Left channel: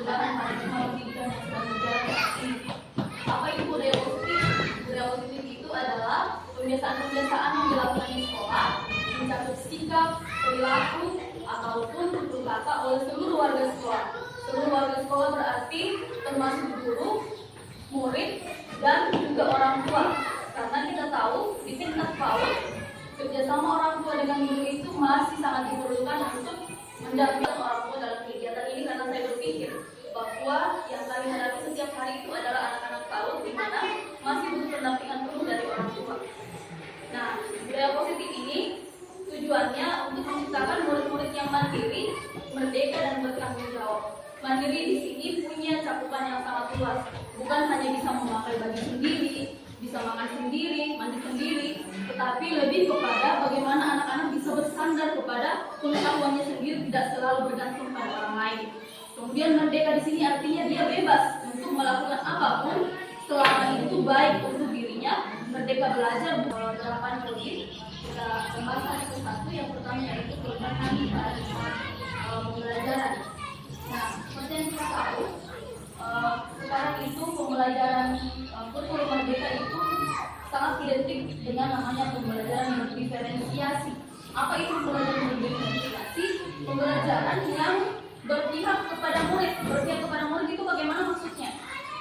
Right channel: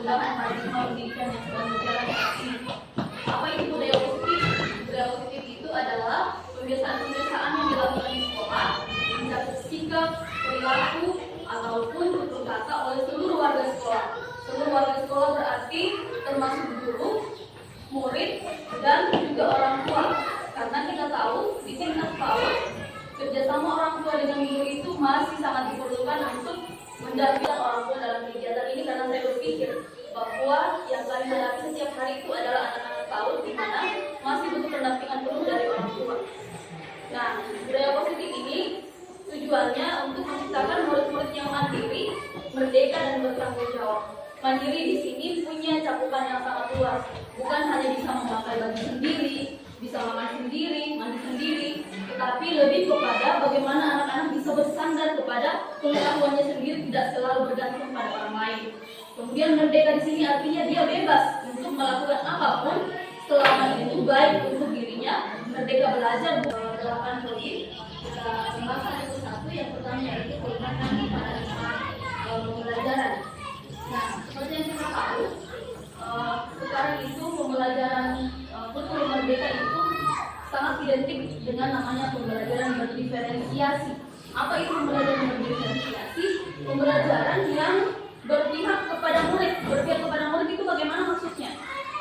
perubahan paradigma pendidikan yang sedang berjalan saat ini. Apa itu budaya positif? Budaya positif itu adalah kebiasaan-kebiasaan yang dilakukan di sekolah, mencakup sikap, perilaku, ataupun tutur kata oleh seluruh warga sekolah. Seluruh warga sekolah berarti termasuk guru, murid, dan juga orang tua. Karena kita tahu di tingkat PAUD kerjasama orang tua dengan guru itu masih sangat diperlukan untuk mendatangkan orang tua dalam kegiatan ini, karena saya berpikir bahwa yang kami hadapi setiap hari itu adalah anak-anak PAUD di mana masih butuh pendampingan penuh dari orang tua. Nah, budaya positif ini tujuannya untuk menciptakan murid-murid yang mandiri, merdeka, dan bertanggung jawab. Mandiri di sini punya cakupan yang sangat luas, bukan hanya bisa memakai baju sendiri, bisa makan sendiri, mandi sendiri, tetapi lebih kepada bagaimana anak-anak bisa bersandar kepada pengetahuannya sendiri, tidak selalu bergantung pada orang lain. Kemudian merdeka di sini artinya dia bebas untuk melakukan apapun selama itu baik untuk dirinya. Merdeka belajar 8 poin. Pembahasan satu yang pertama yaitu kelemahan pembelajaran. Nah, seperti yang kita tahu, sekarang itu pembelajaran kurikulum merdeka itu sangat identik dengan namanya pembelajaran berdiferensiasi. Apa itu pembelajaran berdiferensiasi? Pembelajaran yang berpihak kepada murid. Berpihak kepada murid itu bagaimana maksudnya?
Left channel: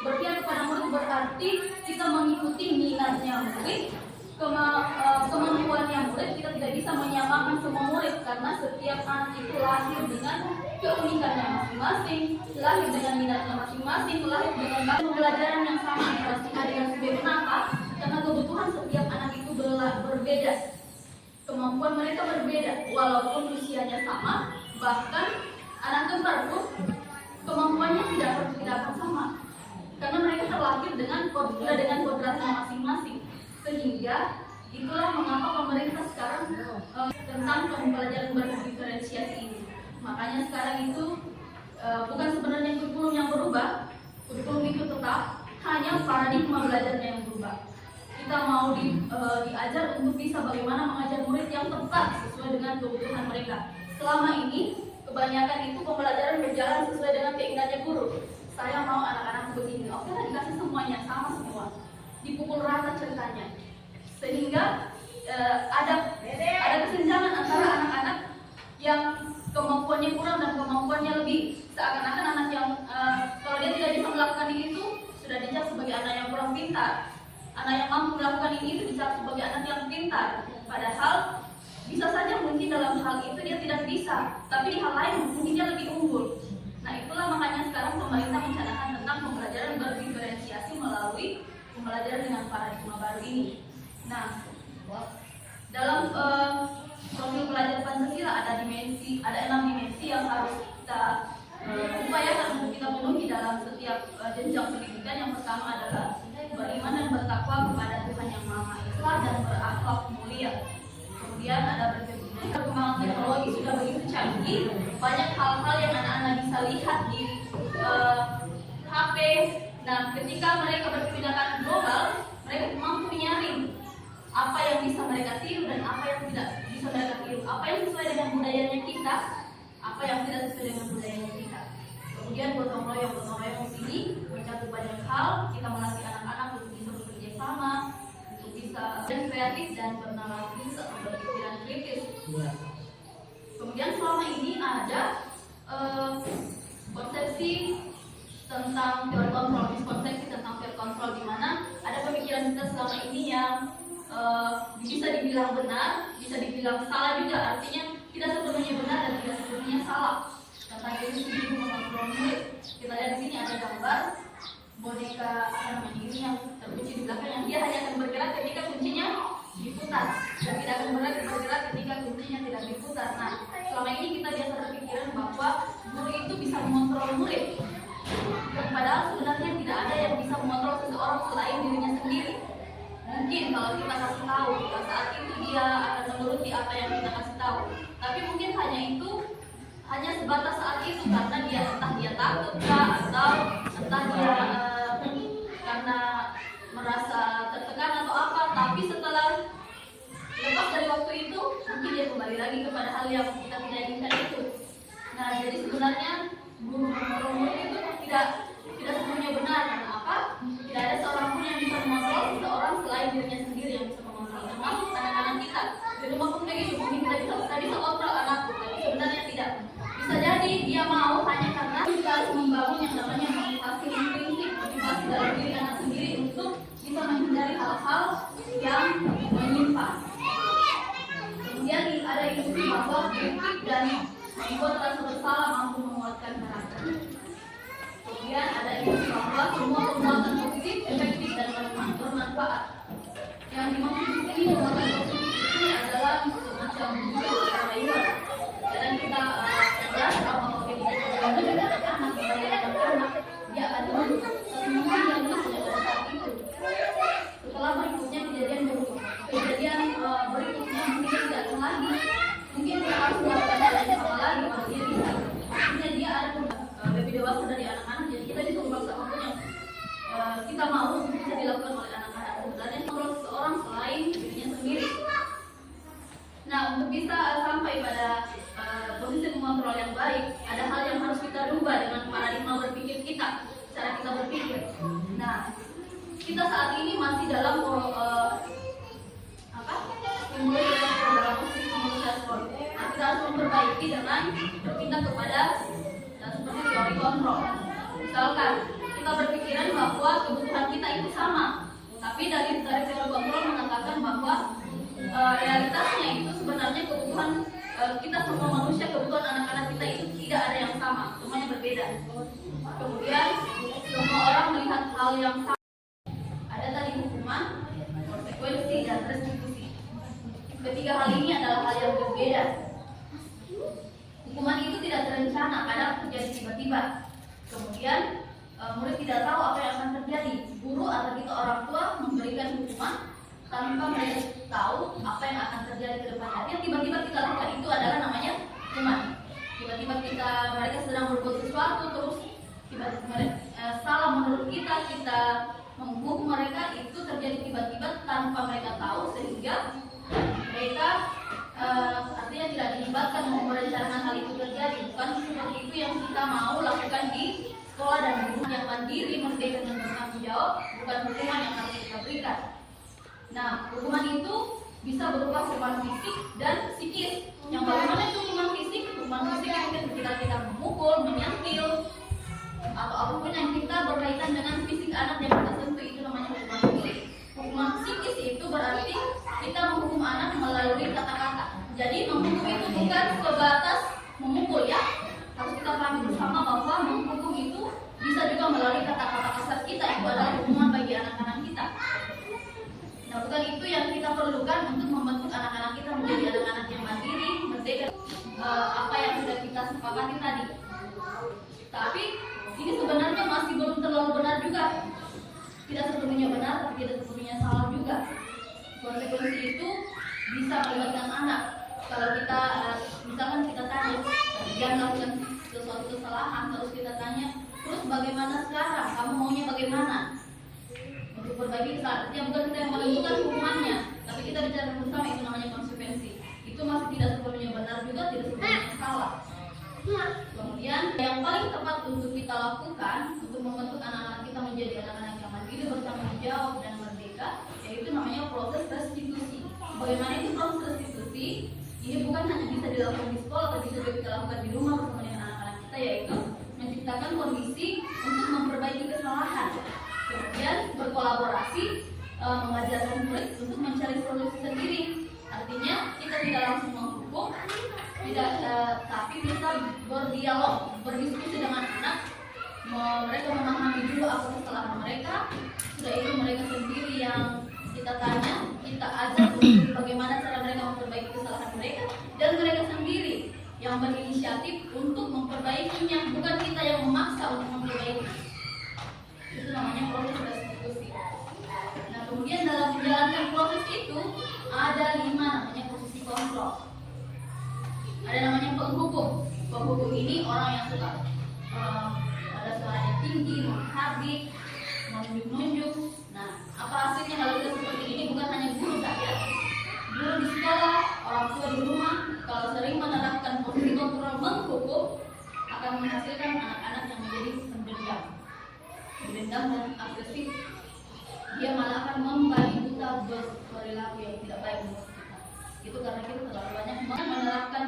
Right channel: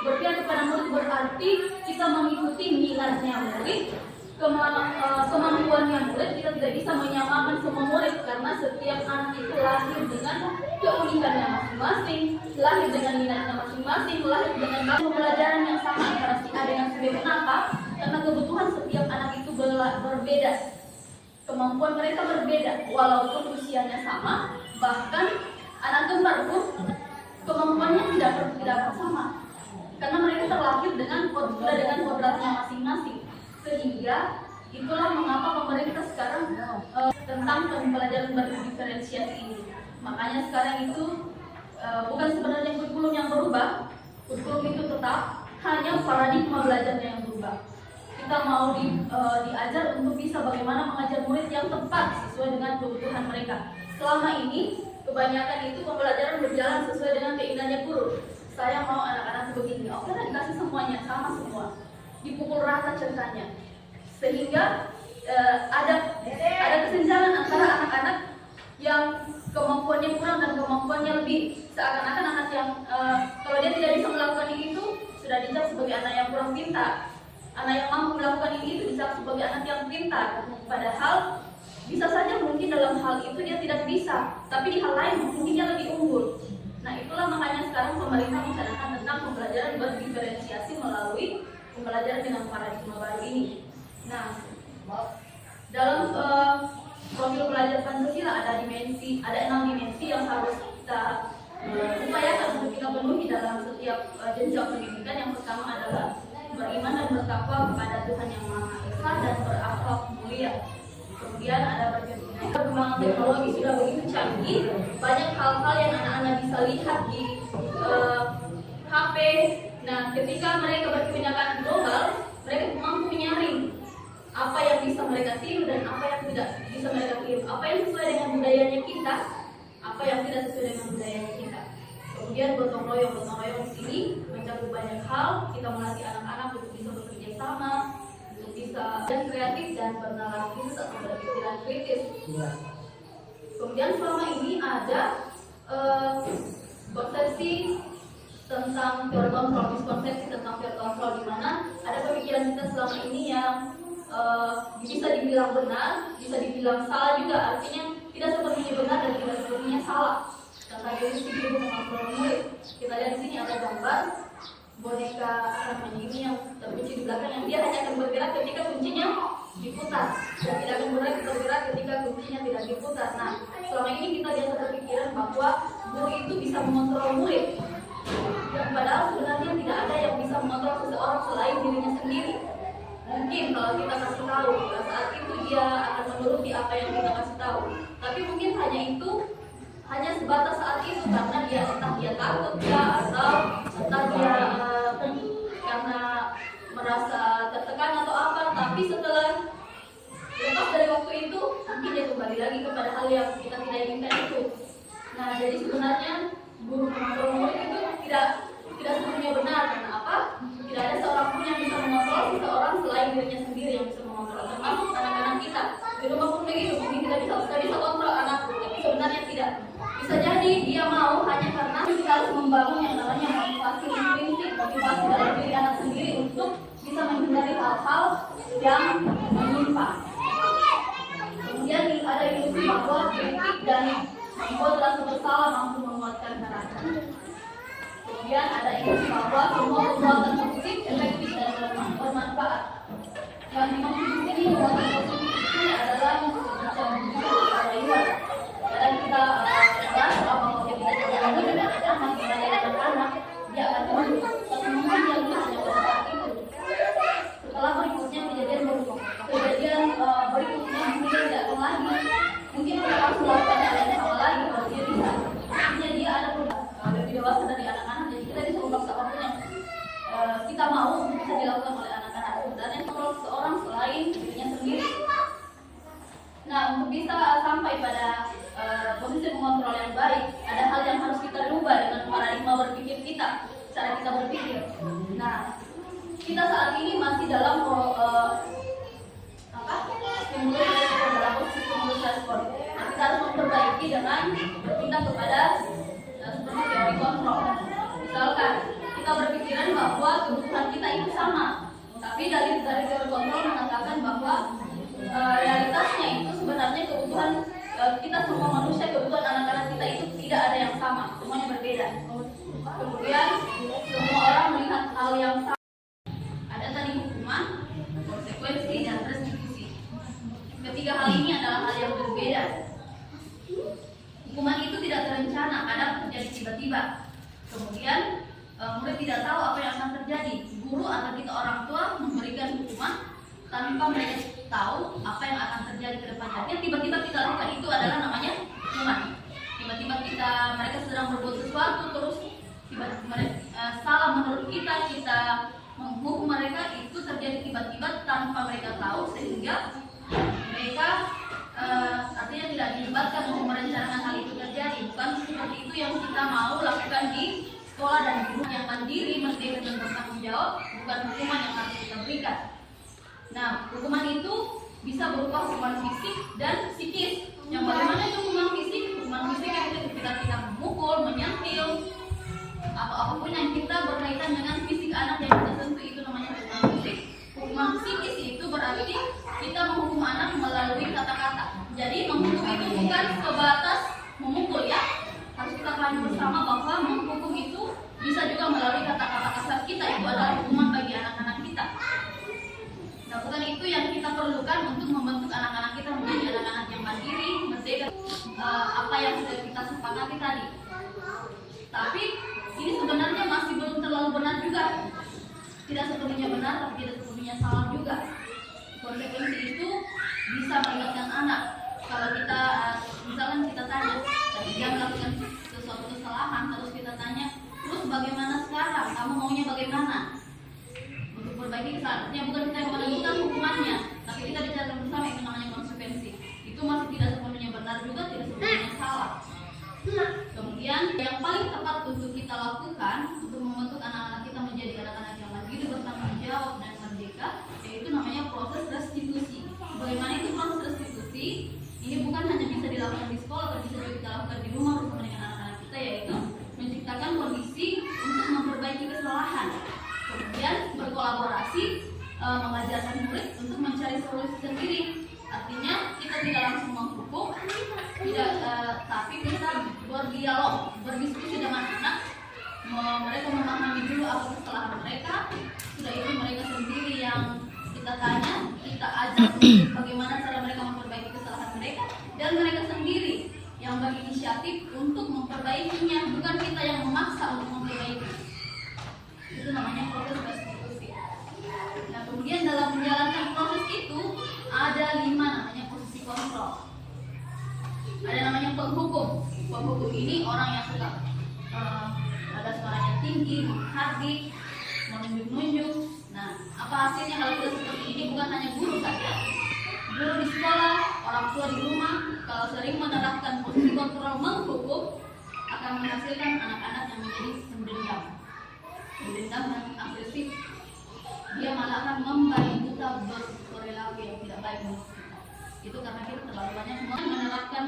Berpihak kepada murid berarti kita mengikuti minatnya murid, kemampuannya murid. Kita tidak bisa menyamakan semua murid karena setiap anak itu lahir dengan keunikannya masing-masing, lahir dengan minatnya masing-masing, lahir dengan pembelajaran yang sama antara si A dengan si B. Kenapa? Karena kebutuhan setiap anak itu berbeda, kemampuan mereka berbeda, walaupun usianya sama. Bahkan anak kembar pun kemampuannya tidak akan sama, karena mereka terlahir dengan kodratnya masing-masing. Sehingga itulah mengapa pemerintah sekarang tentang pembelajaran berdiferensiasi ini. Makanya sekarang itu bukan sebenarnya kurikulum yang berubah, kurikulum itu tetap, hanya paradigma belajarnya yang berubah. Kita mau diajar untuk bisa bagaimana mengajar murid yang tepat sesuai dengan kebutuhan mereka. Selama ini kebanyakan itu pembelajaran berjalan sesuai dengan keinginannya guru. Saya mau anak-anak begini, oke lah, dikasih semuanya sama semua, dipukul rata ceritanya, sehingga ada kesenjangan antara anak-anak yang kemampuannya kurang dan kemampuannya lebih. Seakan-akan anak yang kalau dia tidak bisa melakukan itu sudah dicap sebagai anak yang kurang pintar. Anak yang mampu melakukan ini itu dicap sebagai anak yang pintar. Padahal bisa saja mungkin dalam hal itu dia tidak bisa, tapi di hal lain mungkin dia lebih unggul. Nah, itulah makanya sekarang pemerintah mencanangkan tentang pembelajaran berdiferensiasi melalui pembelajaran dengan paradigma baru ini. Nah, dalam profil pelajar Pancasila ada 6 dimensi yang harus kita upayakan untuk kita penuhi dalam setiap jenjang pendidikan. Yang pertama adalah beriman dan bertakwa kepada Tuhan Yang Maha Esa dan berakhlak mulia. Kemudian ada perkembangan teknologi sudah begitu canggih, banyak hal-hal yang anak-anak bisa lihat di HP. Nah, ketika mereka berkebijakan global, mereka mampu menyaring apa yang bisa mereka tiru dan apa yang tidak bisa mereka tiru, apa yang sesuai dengan budayanya kita, apa yang tidak sesuai dengan budayanya kita. Kemudian gotong royong di sini mencakup banyak hal. Kita melatih anak-anak untuk bisa bekerja sama, untuk bisa dan kreatif dan bernarasi atau berpikiran kritis. Kemudian selama ini ada konsepsi tentang peer control, miskonsepsi tentang peer control, di mana ada pemikiran kita selama ini yang bisa dibilang benar, bisa dibilang salah juga. Artinya tidak sepenuhnya benar dan tidak sepenuhnya salah. Contoh ini guru mengontrol murid. Kita lihat di sini ada gambar boneka akan ini yang terkunci di belakang, yang dia hanya akan bergerak ketika kuncinya diputar, dan tidak akan bergerak ketika kuncinya tidak diputar. Nah, selama ini kita biasa berpikiran bahwa guru itu bisa mengontrol murid, padahal sebenarnya tidak ada yang bisa mengontrol seseorang selain dirinya sendiri. Mungkin kalau kita kasih tahu, saat itu dia akan menuruti apa yang kita kasih tahu. Tapi mungkin hanya sebatas saat itu, karena entah dia takut atau entah dia karena merasa tertekan atau apa. Tapi setelah lepas dari waktu itu, mungkin dia kembali lagi kepada hal yang kita tidak inginkan itu. Nah, jadi sebenarnya guru mengontrol murid itu tidak sepenuhnya benar. Karena apa? Tidak ada seorang pun yang bisa mengontrol seseorang selain dirinya sendiri yang bisa mengontrol, termasuk anak-anak kita. Di rumah pun begitu, mungkin kita bisa kontrol anakku, tapi sebenarnya tidak. Bisa jadi dia mau hanya karena kita harus membangun yang namanya motivasi intrinsik, motivasi dalam diri anak sendiri untuk bisa menghindari hal-hal yang menyimpang. Kemudian ada ilusi bahwa kritik dan membuat rasa bersalah mampu menguatkan karakter. Kemudian ada ilusi bahwa semua perbuatan positif, efektif dan bermanfaat. Yang dimaksud di sini perbuatan positif ini adalah semacam reward. Dan kita bahas bahwa ketika kita masih banyak anak, dia akan terus mungkin yang bisa saat itu. Setelah berikutnya kejadian berikutnya mungkin tidak lagi, mungkin kita harus melakukan hal yang sama lagi kalau dia bisa. Artinya dia ada lebih dewasa dari anak-anak, jadi kita disuruh paksa waktu yang kita mau bisa dilakukan oleh anak-anak. Sebenarnya kontrol seseorang selain dirinya sendiri. Nah, untuk bisa sampai pada posisi mengontrol yang baik, ada hal yang harus kita rubah dengan paradigma berpikir kita, cara kita berpikir. Nah, kita saat ini masih dalam stimulus respon. Kita harus memperbaiki dengan berpindah kepada seperti teori kontrol. Misalkan kita berpikiran bahwa kebutuhan kita itu sama, tapi dari teori kontrol mengatakan bahwa realitasnya itu sebenarnya kebutuhan kita semua manusia, kebutuhan anak-anak kita itu tidak ada yang sama, semuanya berbeda. Kemudian semua orang melihat hal yang sama. Ada tadi hukuman, konsekuensi, dan restitusi. Ketiga hal ini adalah hal yang berbeda. Hukuman itu tidak terencana, kadang terjadi tiba-tiba. Kemudian murid tidak tahu apa yang akan terjadi. Guru atau kita orang tua memberikan hukuman tanpa mereka tahu apa yang akan terjadi ke depannya. Yang tiba-tiba kita lakukan itu adalah namanya hukuman. Tiba-tiba mereka sedang berbuat sesuatu terus salah menurut kita menghukum mereka, itu terjadi tiba-tiba tanpa mereka tahu, sehingga mereka artinya tidak dilibatkan untuk merencanakan hal itu terjadi. Bukan seperti itu yang kita mau lakukan di sekolah dan guru yang mandiri, merdeka dan bertanggung jawab, bukan hukuman yang harus kita berikan. Nah, hukuman itu bisa berupa hukuman fisik dan psikis. Yang bagaimana itu hukuman fisik? Hukuman fisik itu ketika kita memukul, menyentil, atau apapun yang kita berkaitan dengan fisik anak yang kita sentuh, itu namanya hukuman fisik. Hukuman psikis itu berarti kita menghukum anak melalui kata-kata. Jadi menghukum itu bukan sebatas memukul, ya. Harus kita pahami bersama bahwa menghukum itu bisa juga melalui kata-kata kasar kita. Itu adalah hukuman bagi anak-anak kita. Nah, bukan itu yang kita perlukan untuk membentuk anak-anak kita menjadi anak-anak yang mandiri, merdeka, apa yang sudah kita sepakati tadi. Tapi ini sebenarnya masih belum terlalu benar juga. Tidak sepenuhnya benar, tapi tidak sepenuhnya salah juga. Konsekuensi itu bisa melibatkan anak. Kalau kita misalkan kita tanya, dia melakukan sesuatu kesalahan, terus kita tanya, terus bagaimana sekarang? Kamu maunya bagaimana? Untuk perbaiki kesalahannya, bukan kita menentukan hukumannya, tapi kita bicara bersama, itu namanya konsekuensi. Itu masih tidak sepenuhnya benar juga, tidak sepenuhnya salah. Kemudian yang paling tepat untuk kita lakukan untuk membentuk anak-anak kita menjadi anak-anak yang mandiri, bertanggung jawab dan merdeka, yaitu namanya proses restitusi. Bagaimana itu proses restitusi? Ini bukan hanya bisa dilakukan di sekolah, tapi bisa juga kita lakukan di rumah bersama dengan anak-anak kita, yaitu menciptakan kondisi untuk memperbaiki kesalahan. Kemudian berkolaborasi, mengajarkan murid untuk mencari solusi sendiri. Artinya kita tidak langsung menghukum, tapi kita berdialog, berdiskusi dengan anak. Mereka memahami dulu apa kesalahan mereka. Sudah itu mereka sendiri yang kita tanya, kita ajar bagaimana cara mereka memperbaiki kesalahan mereka, dan mereka sendiri yang berinisiatif untuk memperbaikinya, bukan kita yang memaksa untuk memperbaiki. Itu namanya proses restitusi. Nah, kemudian dalam menjalankan proses itu ada 5 namanya posisi kontrol. Ada namanya penghukum. Penghukum ini orang yang suka ada suaranya tinggi, menghardik, menunjuk-nunjuk. Nah, apa hasilnya kalau kita seperti ini? Bukan hanya guru saja, guru di sekolah, orang tua di rumah, kalau sering menerapkan posisi kontrol menghukum, akan menghasilkan anak-anak yang menjadi pendiam. dendam dan agresif, dia malah akan membaik kita berperilaku yang tidak baik. Itu karena kita terlalu banyak menerapkan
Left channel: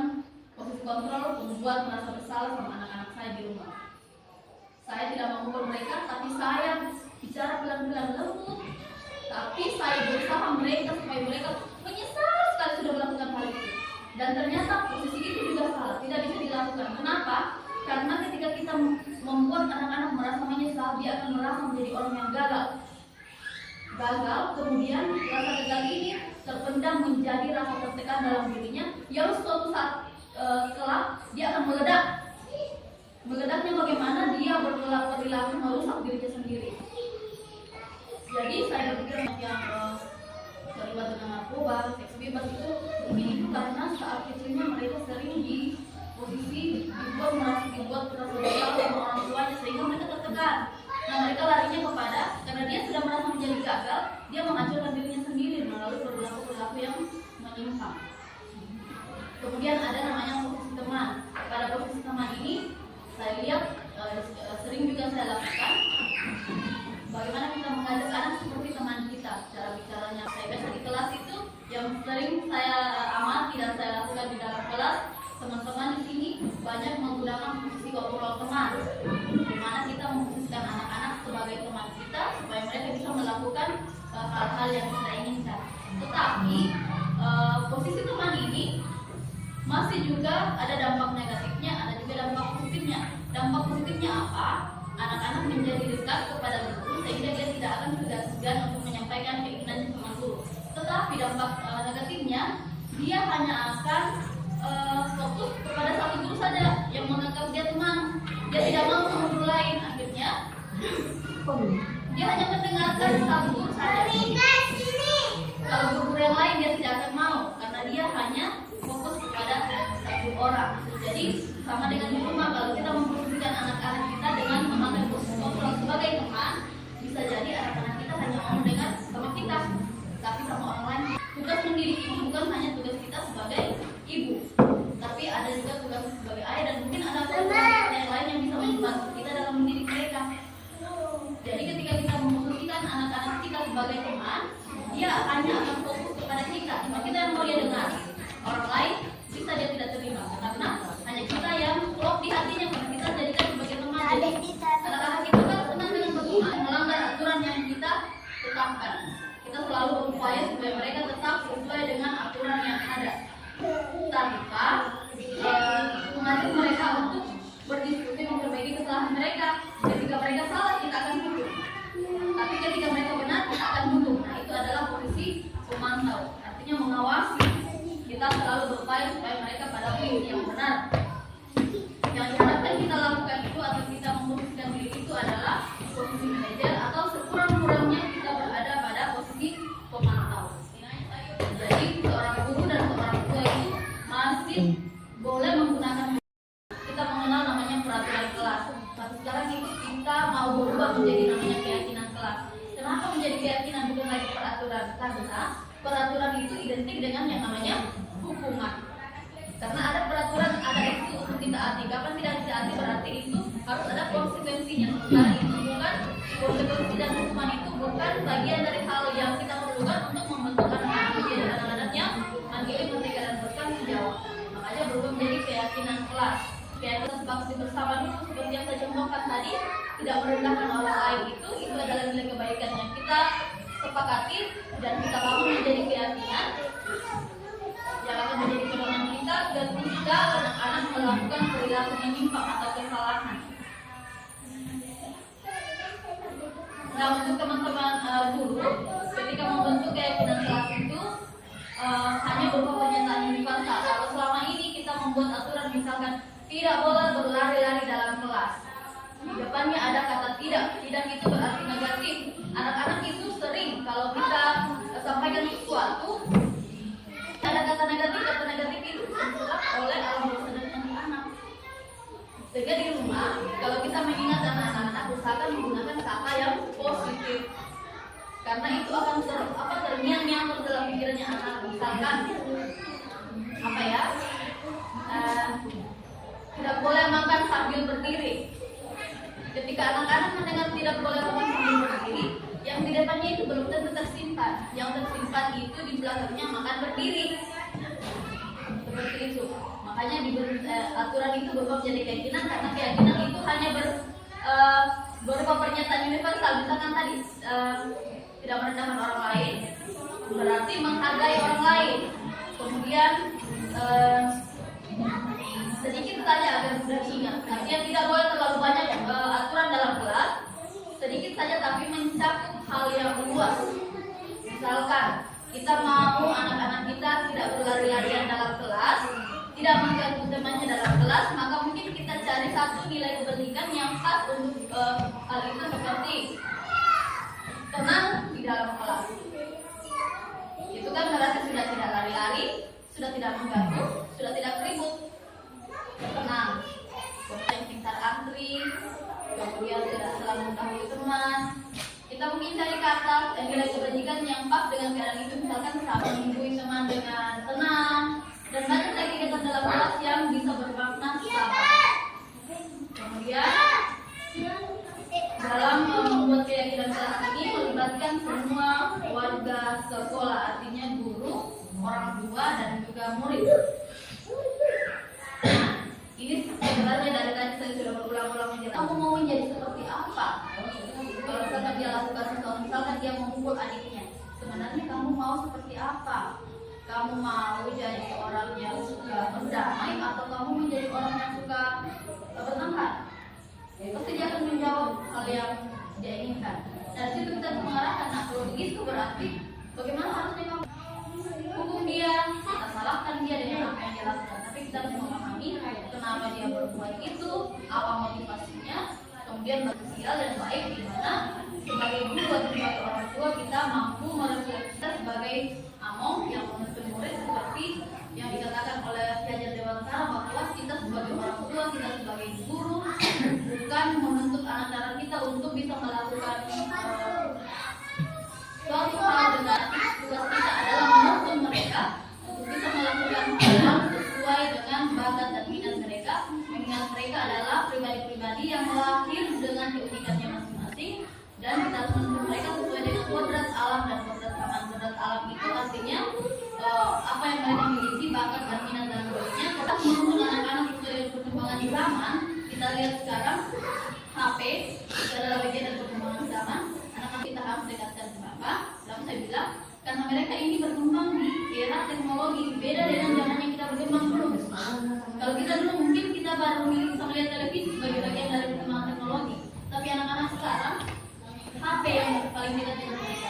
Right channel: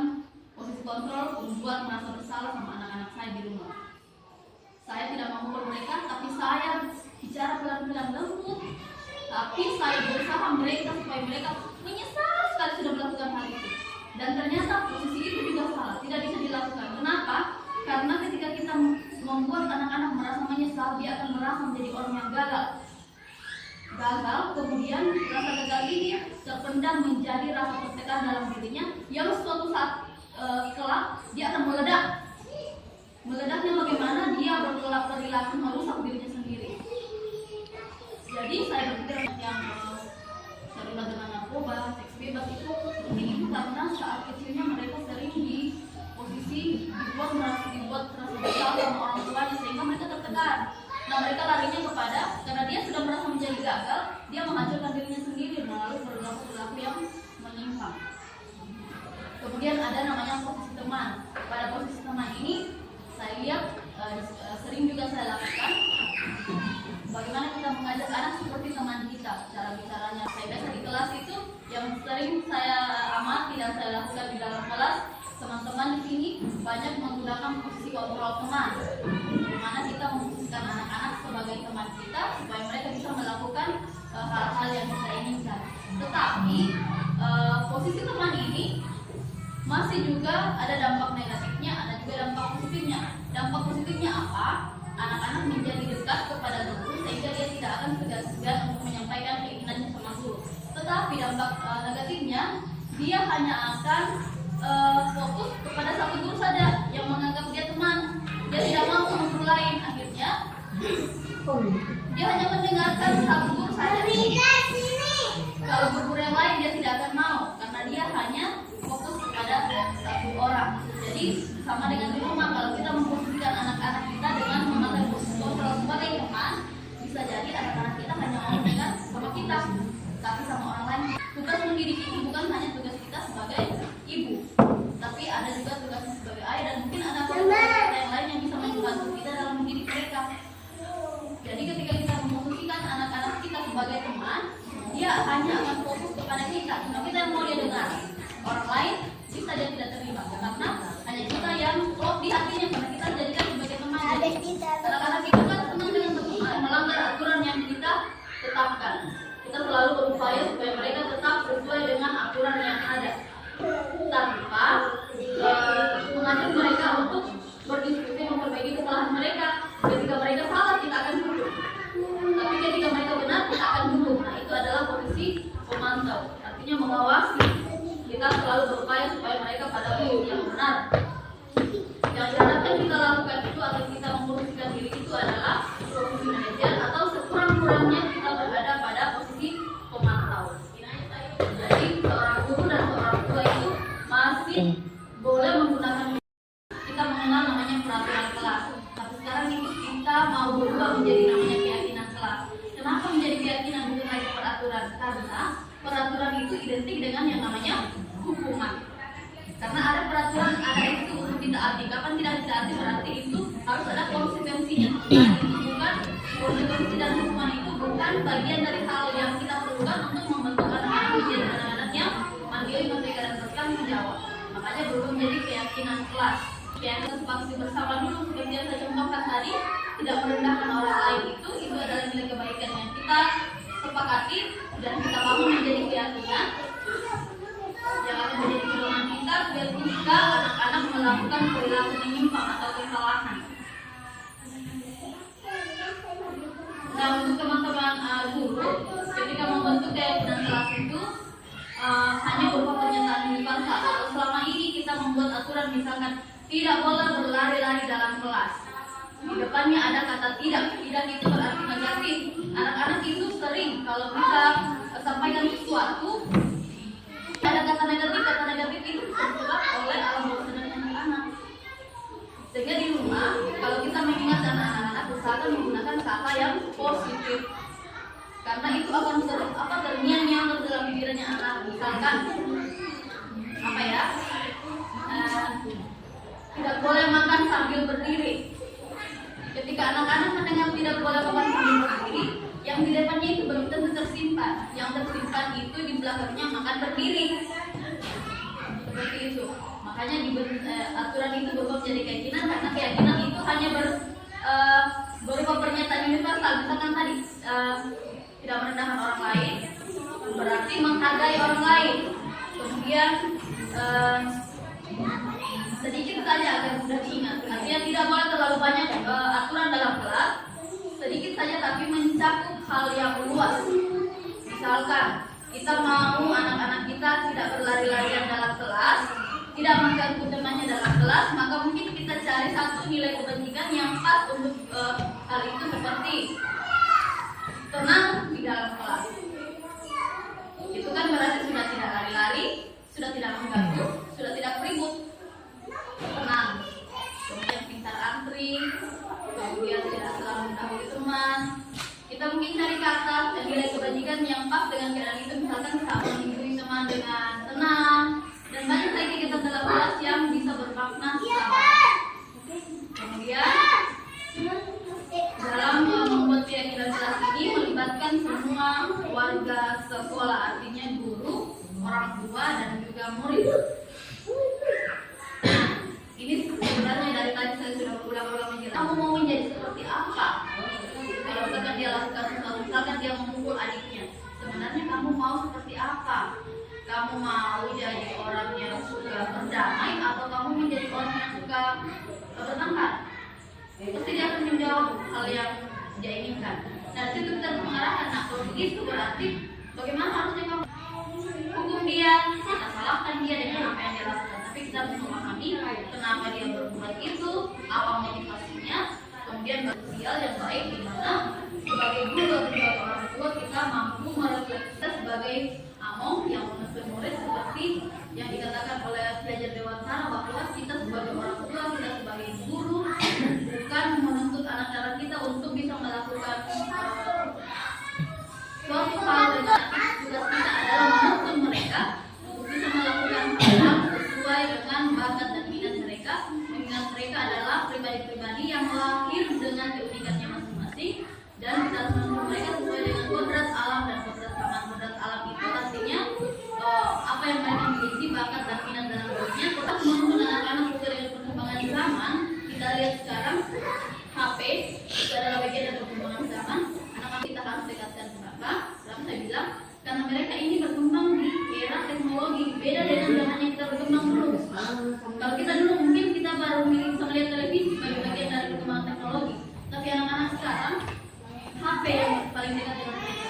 posisi kontrol, membuat merasa bersalah sama anak-anak saya di rumah. Saya tidak memukul mereka, tapi saya bicara pelan-pelan lembut, tapi saya berusaha mereka supaya mereka menyesal sekali sudah melakukan hal itu. Dan ternyata posisi itu juga salah, tidak bisa dilakukan. Kenapa? Karena ketika kita membuat anak-anak merasa menyesal, dia akan merasa menjadi orang yang gagal, kemudian rasa gagal ini terpendam menjadi rasa tertekan dalam dirinya, yang suatu saat kelak dia akan meledak. Meledaknya bagaimana? Dia berperilaku merusak dirinya sendiri. Jadi saya berpikir yang terlibat dengan narkoba, seks bebas itu karena saat kecilnya mereka sering di posisi dibuat merasa bersalah sama orang tuanya sehingga mereka tertekan. Nah, mereka larinya kepada, karena dia sudah merasa menjadi gagal, dia menghancurkan dirinya sendiri melalui perilaku yang menyimpang. Kemudian ada namanya posisi teman. Pada posisi teman ini saya lihat sering juga saya lakukan bagaimana kita mengajak anak seperti teman kita. Cara bicaranya saya biasa di kelas itu yang sering saya amati dan saya lakukan di dalam kelas. Teman-teman di sini banyak menggunakan posisi kontrol teman, di mana kita memposisikan anak-anak sebagai teman kita supaya mereka bisa melakukan hal-hal yang kita inginkan. Tetapi posisi teman ini masih juga ada dampak negatifnya, ada juga dampak positifnya. Dampak positifnya apa? Anak-anak menjadi dekat kepada guru sehingga dia tidak akan segan-segan untuk menyampaikan keinginannya sama guru. Tetapi dampak negatifnya, dia hanya akan fokus kepada satu guru saja yang menganggap dia teman. Dia tidak mau sama guru lain. Akhirnya dia hanya mendengarkan satu guru saja. Kalau guru yang lain dia tidak akan mau, karena dia hanya fokus kepada satu orang. Jadi sama dengan di rumah, kalau kita memposisikan anak-anak kita dengan memakai posisi kontrol sebagai teman, bisa jadi anak-anak kita hanya mau dengar sama kita, tapi sama orang lain. Tugas mendidik itu bukan hanya tugas kita sebagai ibu, tapi ada juga tugas sebagai ayah, dan mungkin ada tugas yang lain yang bisa membantu kita dalam mendidik mereka. Jadi ketika kita memposisikan anak-anak kita sebagai teman, dia hanya akan fokus kepada kita, cuma kita yang mau dia dengar. Orang lain bisa dia tidak terima, karena hanya kita yang klop di hatinya, karena kita jadikan sebagai teman. Anak-anak itu kan senang dengan berteman, melanggar aturan yang kita tetapkan. Kita selalu berupaya supaya mereka tetap sesuai dengan aturan yang ada, tanpa mengajak mereka untuk berdiskusi memperbaiki kesalahan mereka. Ketika mereka salah, kita akan dukung, tapi ketika mereka benar, kita akan dukung. Nah, itu adalah posisi pemantau, artinya mengawasi. Kita selalu berupaya supaya mereka pada posisi yang benar. Yang seharusnya kita lakukan itu atau kita memposisikan diri itu adalah posisi manajer, atau sekurang-kurangnya kita berada pada posisi pemantau. Jadi seorang guru dan seorang tua itu masih boleh menggunakan, kita mengenal namanya peraturan kelas. Tapi sekarang itu kita mau berubah menjadi namanya keyakinan kelas. Kenapa menjadi keyakinan bukan lagi peraturan? Karena peraturan itu identik dengan yang namanya hukuman. Karena ada peraturan, ada itu untuk ditaati. Kapan tidak ditaati berarti itu harus ada konsekuensinya. Nah, itu bukan konsekuensi, dan hukuman itu bukan bagian dari hal yang kita perlukan untuk membentuk anak-anak menjadi anak-anak yang mandiri, merdeka, dan bertanggung jawab. Makanya berubah menjadi keyakinan kelas. Keyakinan sepakati bersama dulu seperti yang saya contohkan tadi, tidak merendahkan orang lain, itu adalah nilai kebaikan yang kita sepakati dan kita bangun menjadi keyakinan yang akan menjadi pedoman kita ketika anak-anak melakukan perilaku menyimpang atau kesalahan. Nah, untuk teman-teman guru, ketika membentuk keyakinan kelas itu hanya berupa pernyataan universal. Kalau selama ini kita membuat aturan, misalkan tidak boleh berlari-lari dalam kelas, di depannya ada kata tidak itu berarti negatif. Anak-anak itu sering kalau kita sampaikan sesuatu ada kata negatif itu disebut oleh alam bawah sadarnya anak. Sehingga di rumah kalau kita mengingatkan anak-anak, usahakan menggunakan kata yang positif, karena itu akan terngiang-ngiang dalam pikirannya anak. Misalkan apa ya, tidak boleh makan sambil berdiri. Ketika anak-anak mendengar tidak boleh makan yang tersimpan itu di belakangnya makan berdiri. Seperti itu. Makanya aturan itu berubah menjadi keyakinan karena keyakinan itu hanya berupa pernyataan universal. Misalkan tadi tidak merendahkan orang lain berarti menghargai orang lain. Kemudian sedikit saja agar mudah diingat. Artinya tidak boleh terlalu banyak aturan dalam kelas. Sedikit saja tapi mencakup hal yang luas. Misalkan kita mau anak-anak kita tidak berlari-larian dalam kelas, tidak mengganggu temannya dalam kelas, maka mungkin kita cari satu nilai kepentingan yang pas untuk hal itu, seperti tenang di dalam kelas. Itu kan berarti sudah tidak lari-lari, sudah tidak mengganggu, sudah tidak ribut, tenang. Kemudian pintar antri, kemudian tidak selalu mendahului teman. Kita mungkin cari kata dan nilai kebajikan yang pas dengan keadaan itu, misalkan saat menghubungi teman dengan tenang, dan banyak lagi kegiatan dalam kelas yang bisa bermakna sama. Kemudian dalam membuat keyakinan kelas ini melibatkan semua warga sekolah, artinya guru, orang tua, dan juga murid. Ini sebenarnya dari tadi saya sudah berulang-ulang menjelaskan. Kamu mau menjadi seperti apa? Kalau misalkan dia lakukan sesuatu, misalkan dia memukul adiknya, sebenarnya kamu mau seperti apa? Kamu mau jadi orang yang suka berdamai atau kamu menjadi orang yang suka bertengkar? Pasti dia akan menjawab hal yang dia inginkan. Nah, itu kita harus mengarahkan. Nah, kalau begitu berarti bagaimana harusnya kamu hukum dia? Kita salahkan dia dengan apa yang dia lakukan, tapi kita harus memahami kenapa dia berbuat itu, apa motivasinya, kemudian sosial yang baik di mana sebagai guru atau sebagai orang tua kita mampu merefleksikan sebagai among yang menuntut murid, seperti yang dikatakan oleh Ki Hajar Dewantara bahwa kita sebagai orang tua, kita sebagai guru bukan menuntut anak-anak kita untuk bisa melakukan suatu hal dengan tugas kita adalah menuntut mereka untuk bisa melakukan hal sesuai dengan bakat dan minat mereka, mengingat mereka adalah pribadi-pribadi yang lahir dengan keunikannya masing-masing, dan kita harus menuntut mereka sesuai dengan kodrat alam dan kodrat zaman. Kodrat alam itu artinya apa yang mereka miliki, bakat dan minat dalam dirinya. Kita menuntut anak-anak sesuai dengan perkembangan zaman. Kita lihat sekarang HP adalah bagian dari perkembangan zaman. Anak-anak kita harus dekatkan ke mereka. Lalu saya bilang karena mereka ini berkembang di era teknologi, beda dengan zaman yang kita berkembang dulu. Kalau kita dulu mungkin kita baru bisa melihat televisi sebagai bagian dari perkembangan teknologi, tapi anak-anak sekarang HP yang paling dekat dengan mereka.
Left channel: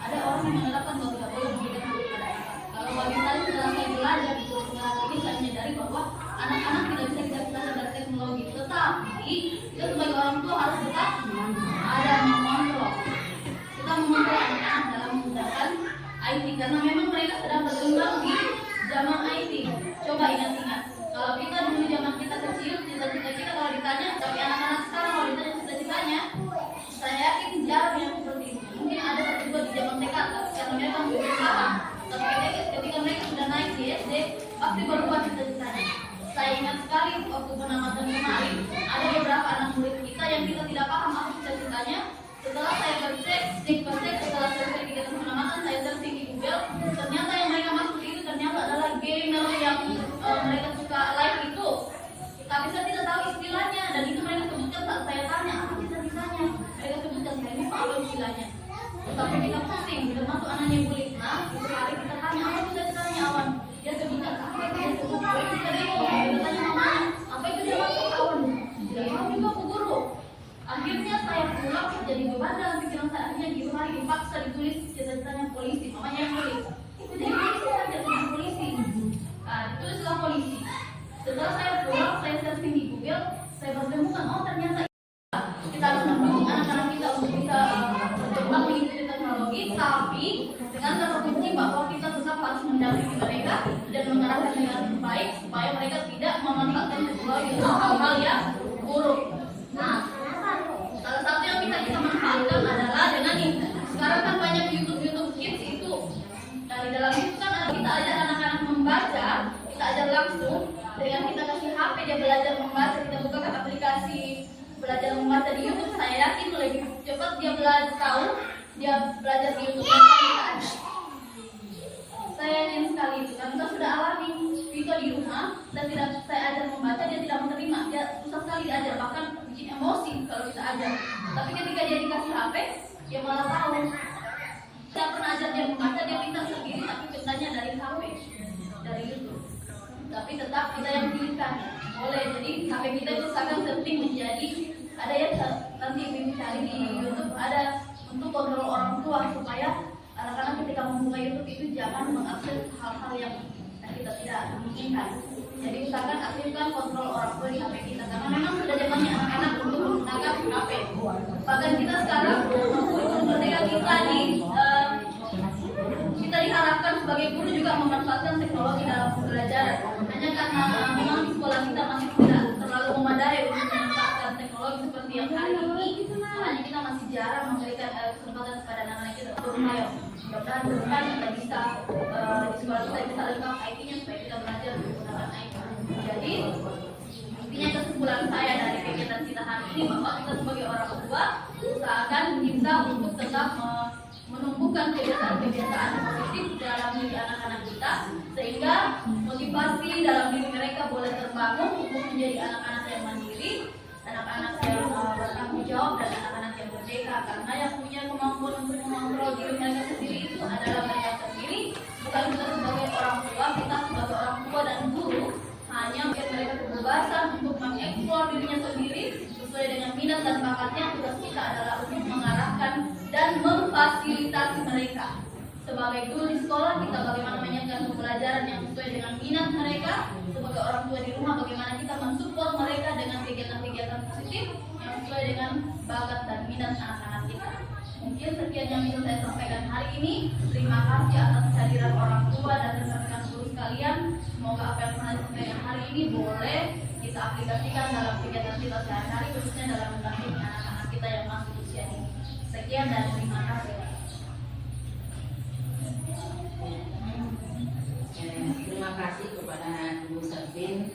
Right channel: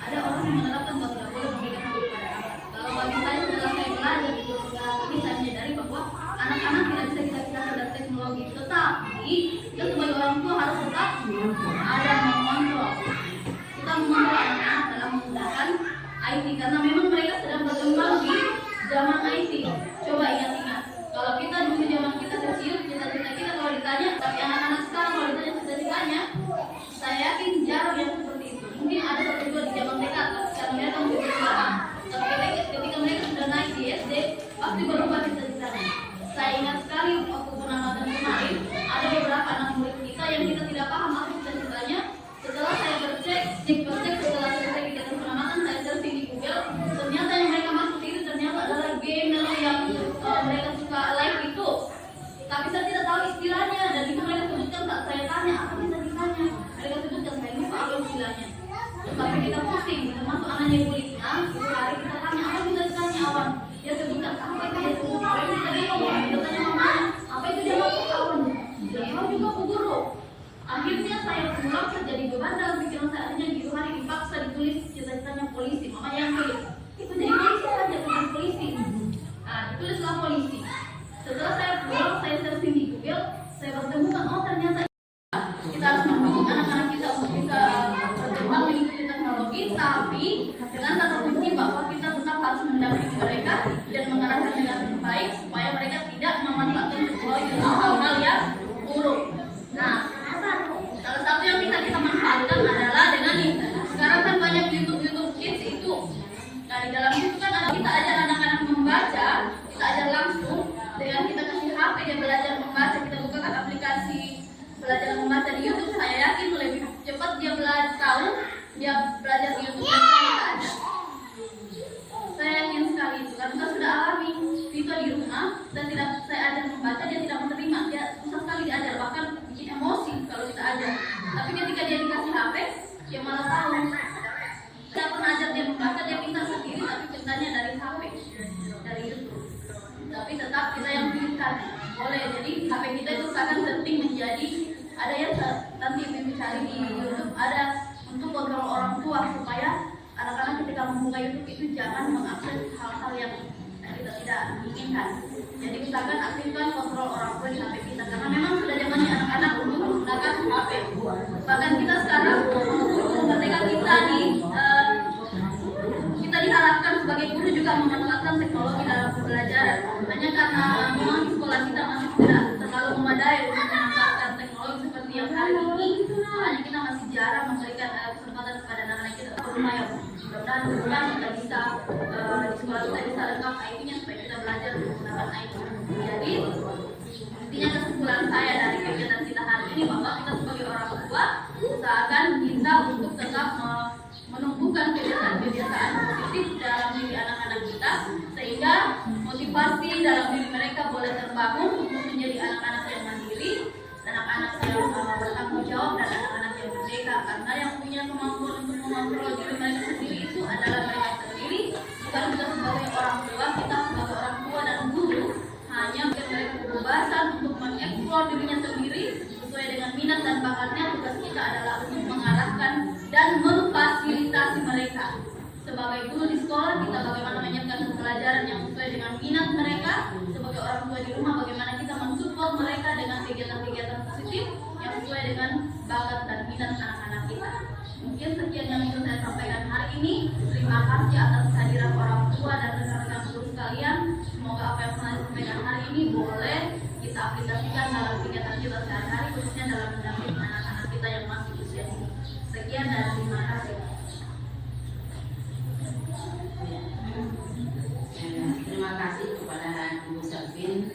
Ada orang yang menerapkan bahwa tidak boleh memberikan kepada. Kalau bagi saya setelah saya belajar di ini, saya menyadari bahwa anak-anak tidak bisa kita pisahkan dari teknologi, tetapi kita sebagai orang tua harus tetap ada mengontrol. Kita mengontrol anak-anak dalam menggunakan IT karena memang mereka sedang berkembang di zaman IT. Coba ingat-ingat, kalau kita dulu zaman kita kecil, cita-cita kita kalau ditanya, tapi anak-anak sekarang kalau ditanya cita-citanya, saya yakin jarang yang seperti itu. Mungkin ada satu dua di zaman mereka, karena mereka memiliki sekarang. Tapi ketika mereka sudah naik di SD, pasti berubah cita-citanya. Saya ingat sekali waktu pengamatan kemarin, ada beberapa anak murid kita yang kita tidak paham apa cita-citanya. Setelah saya bercek setelah selesai kegiatan pengamatan, saya searching di Google, ternyata yang mereka maksud itu ternyata adalah gamer yang mereka suka live itu. Tapi saya tidak tahu istilahnya, dan itu mereka sebutkan saat saya tanya apa cita-citanya. Mereka sebutkan saya lupa apa istilahnya. Tapi kita pusing, termasuk anaknya Bu Litna, setiap hari kita tanya apa cita-citanya awan. Dia sebutkan apa itu dia sebut, apa itu tadi kita tanya mama, apa itu dia maksud awan. Dia tahu juga Bu Guru. Akhirnya saya pulang terjadi beban dalam pikiran saya, akhirnya di hari dipaksa ditulis cita-citanya polisi, mamanya yang tulis. Itu jadi polisi saja, bukan polisi. Nah, ditulislah polisi. Setelah saya pulang, saya searching di Google, saya bertemukan, oh ternyata kita harus mendukung anak-anak kita untuk bisa berkembang mengikuti teknologi, tapi dengan kata kunci bahwa kita tetap harus mendampingi mereka dan mengarahkan dengan baik supaya mereka tidak memanfaatkan teknologi untuk hal-hal yang buruk. Nah, salah satu yang bisa kita manfaatkan adalah dengan ini. Sekarang kan banyak YouTube Kids itu. Nah, di dalam itu kan kita ajar anak-anak membaca, kita ajar langsung dengan kita kasih HP dia belajar membaca, kita bukakan aplikasi belajar membaca di YouTube. Saya yakin lebih cepat dia belajar tahu, dia belajar di YouTube yang kita menganggap apa ya, bahkan kita sekarang ketika kita diharapkan sebagai guru juga memanfaatkan teknologi dalam pembelajaran. Hanya karena memang di sekolah kita masih tidak terlalu memadai untuk memanfaatkan teknologi seperti yang hari ini, makanya kita masih jarang memberikan kesempatan kepada anak-anak kita ke rumah yang mudah-mudahan kita bisa di sekolah kita bisa lengkap IT-nya supaya kita belajar menggunakan IT. Jadi intinya kesimpulan saya dari kegiatan kita hari ini bahwa kita sebagai orang tua usahakan kita untuk tetap menumbuhkan kebiasaan-kebiasaan positif dalam diri anak-anak kita sehingga motivasi dalam diri mereka boleh terbangun untuk menjadi anak-anak yang mandiri, anak-anak yang bertanggung jawab dan anak-anak yang merdeka, karena yang punya kemampuan untuk mengontrol diri mereka sendiri itu adalah mereka sendiri, bukan kita sebagai orang tua. Kita sebagai orang tua dan guru hanya memberikan mereka kebebasan untuk mengeksplor dirinya sendiri sesuai dengan minat dan bakatnya. Tugas kita adalah untuk mengarahkan dan memfasilitasi mereka. Sebagai guru di sekolah, kita bagaimana menyiapkan pembelajaran yang sesuai dengan minat mereka. Sebagai orang tua di rumah, bagaimana kita mensupport mereka dengan kegiatan-kegiatan positif yang sesuai dengan bakat dan minat anak-anak kita. Mungkin sekian yang bisa saya sampaikan hari ini. Terima kasih atas kehadiran orang tua dan rekan-rekan guru sekalian. Semoga apa yang pernah disampaikan hari ini boleh kita aplikasikan dalam kegiatan kita sehari-hari, khususnya dalam mendampingi anak-anak kita yang masih usia dini. Sekian dan terima kasih. Terima kasih kepada Bu Selvin